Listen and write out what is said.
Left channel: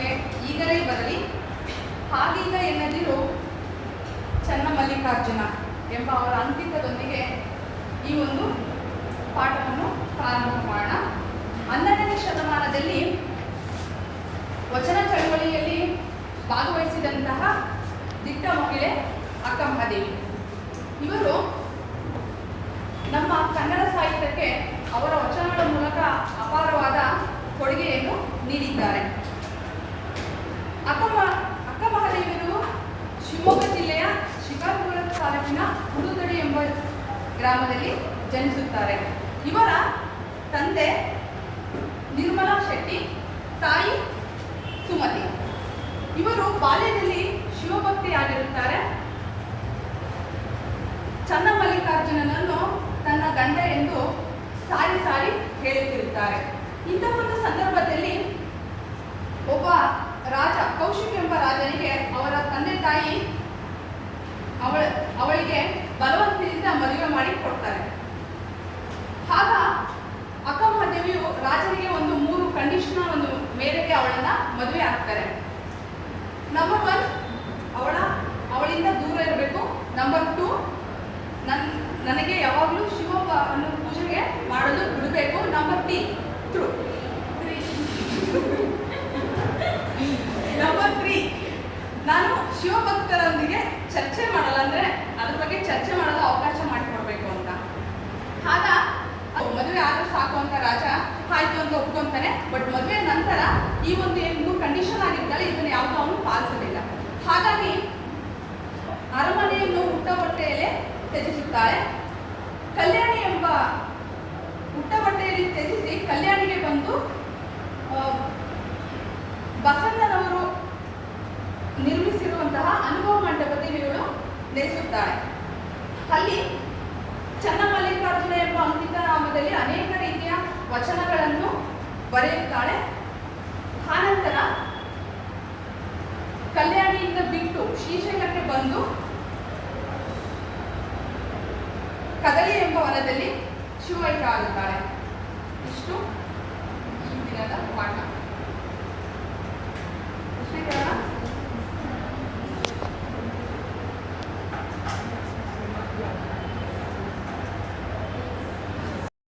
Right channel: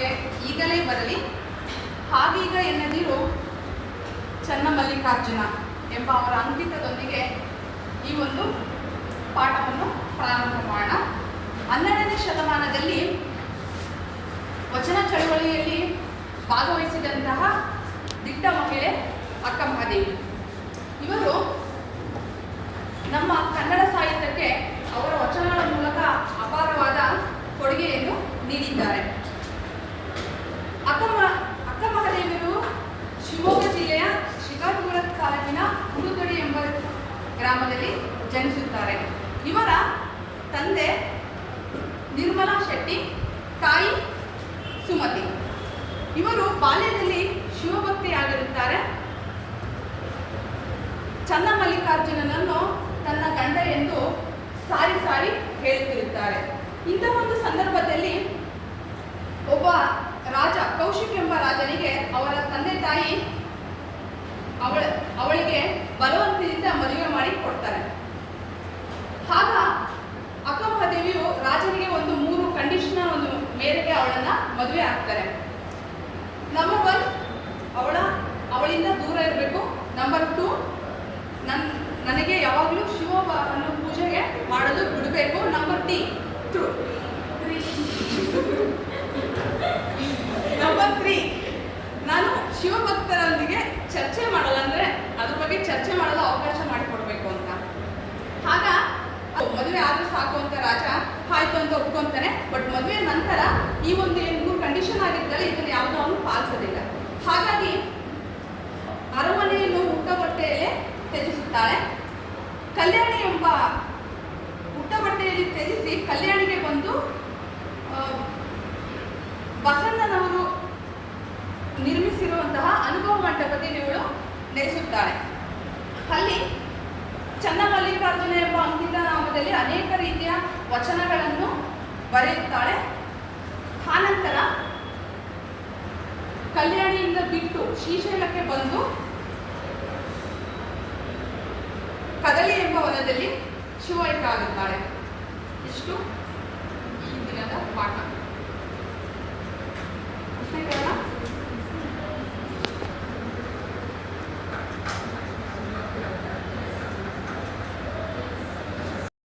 ನಮಗೆ ಈಗಲೇ ಬರಲಿ, ಹಾಗೀಗ ಎನ್ನದಿರು ಚನ್ನಮಲ್ಲಿಕಾರ್ಜುನ ಎಂಬ ಅವರ ಅಂಕಿತದೊಂದಿಗೆ ಈ ಒಂದು ಪಾಠವನ್ನು ಪ್ರಾರಂಭ ಮಾಡೋಣ. 12ನೇ ಶತಮಾನದಲ್ಲಿ ವಚನ ಚಳವಳಿಯಲ್ಲಿ ಭಾಗವಹಿಸಿದಂತಹ ದಿಟ್ಟ ಮಹಿಳೆ ಅಕ್ಕ ಮಹಾದೇವಿ. ಇವರು ನಮ್ಮ ಕನ್ನಡ ಸಾಹಿತ್ಯಕ್ಕೆ ಅವರ ವಚನಗಳ ಮೂಲಕ ಅಪಾರವಾದ ಕೊಡುಗೆಯನ್ನು ನೀಡಿದ್ದಾರೆ. ಅಕ್ಕ ಮಹಾದೇವಿಯರು ಶಿವಮೊಗ್ಗ ಜಿಲ್ಲೆಯ ಶಿಕಾರಿಪುರ ತಾಲೂಕಿನ ಹುಡುಗಡಿ ಎಂಬ ಗ್ರಾಮದಲ್ಲಿ ಜನಿಸುತ್ತಾರೆ. ಇವರ ತಂದೆ ನಿರ್ಮಲಾ ಶೆಟ್ಟಿ, ತಾಯಿ ಸುಮತಿ. ಇವರು ಬಾಲ್ಯದಲ್ಲಿ ಶಿವಭಕ್ತಿಯಾಗಿರುತ್ತಾರೆ. ಚನ್ನಮಲ್ಲಿಕಾರ್ಜುನನನ್ನು ತನ್ನ ಗಂಡ ಎಂದು ಸಾರಿ ಸಾರಿ ಹೇಳುತ್ತಿರುತ್ತಾರೆ. ಇಂಥ ಒಂದು ಸಂದರ್ಭದಲ್ಲಿ ಒಬ್ಬ ರಾಜ, ಕೌಶಿಕ್ ಎಂಬ ರಾಜನಿಗೆ ಅವರ ತಂದೆ ತಾಯಿ ಅವಳಿಗೆ ಬಲವಂತದಿಂದ ಮದುವೆ ಮಾಡಿ ಕೊಡ್ತಾರೆ. ಆಗ ಅಕ್ಕ ಮಹಾದೇವಿಯು ರಾಜನಿಗೆ ಒಂದು 3 ಕಂಡೀಷನ್ ಒಂದು ಮೇರೆಗೆ ಅವಳನ್ನು ಮದುವೆ ಆಗ್ತಾರೆ. ನಂಬರ್ 1, ಅವಳಿಂದ ದೂರ ಇರಬೇಕು. ನಂಬರ್ 2, ನನಗೆ ಯಾವಾಗಲೂ ಶಿವನ ಪೂಜೆಗೆ ಮಾಡೋದು ಬಿಡಬೇಕು. ನಂಬರ್ 3, ನಾನು ಶಿವಭಕ್ತರೊಂದಿಗೆ ಚರ್ಚೆ ಮಾಡಲ್ಲ, ಅಂದರೆ ಅದ್ರ ಬಗ್ಗೆ ಚರ್ಚೆ ಮಾಡಲು ಅವಕಾಶ ಮಾಡಿಕೊಡ್ಬೇಕು ಅಂತ. ಆಗ ಮದುವೆ ಆದ್ರೆ ಸಾಕು ಅಂತ ರಾಜ ಆಯ್ತು ಅಂತ ಒಪ್ಕೊಂತಾನೆ. ಬಟ್ ಮದುವೆ ನಂತರ ಈ ಒಂದು 3 ಕಂಡೀಷನ್ ಆಗಿರ್ತಾರೆ, ಇದನ್ನು ಯಾವುದೋ ಅವನು ಪಾಲಿಸೋದಿಲ್ಲ. ಹಾಗಾಗಿ ಅರಮನೆಯನ್ನು ಹುಟ್ಟಬಟ್ಟೆಯಲ್ಲೇ ತ್ಯಜಿಸುತ್ತಾಳೆ. ಕಲ್ಯಾಣಿ ಎಂಬ ಹುಟ್ಟಬಟ್ಟೆಯಲ್ಲಿ ತ್ಯಜಿಸಿ ಕಲ್ಯಾಣಿಗೆ ಬಂದು ಬಸಣ್ಣನವರು ನಿರ್ಮಿಸಿರುವಂತಹ ಅನುಭವ ಮಂಟಪದಲ್ಲಿ ಇವಳು ನೆಲೆಸುತ್ತಾಳೆ. ಅಲ್ಲಿ ಚನ್ನಮಲ್ಲಿಕಾರ್ಜುನ ಎಂಬ ಅಂಕಿತ ನಾಮದಲ್ಲಿ ಅನೇಕ ರೀತಿಯ ವಚನಗಳನ್ನು ಬರೆಯುತ್ತಾಳೆ. ಆನಂತರ ಕಲ್ಯಾಣಿಯಿಂದ ಬಿಟ್ಟು ಶ್ರೀಶೈಲಕ್ಕೆ ಬಂದು ಕದಳಿ ಎಂಬ ವನದಲ್ಲಿ ಶಿವೈಕ್ಯ ಆಗುತ್ತಾಳೆ. ಇಷ್ಟು ಈ ದಿನದ ಪಾಠ.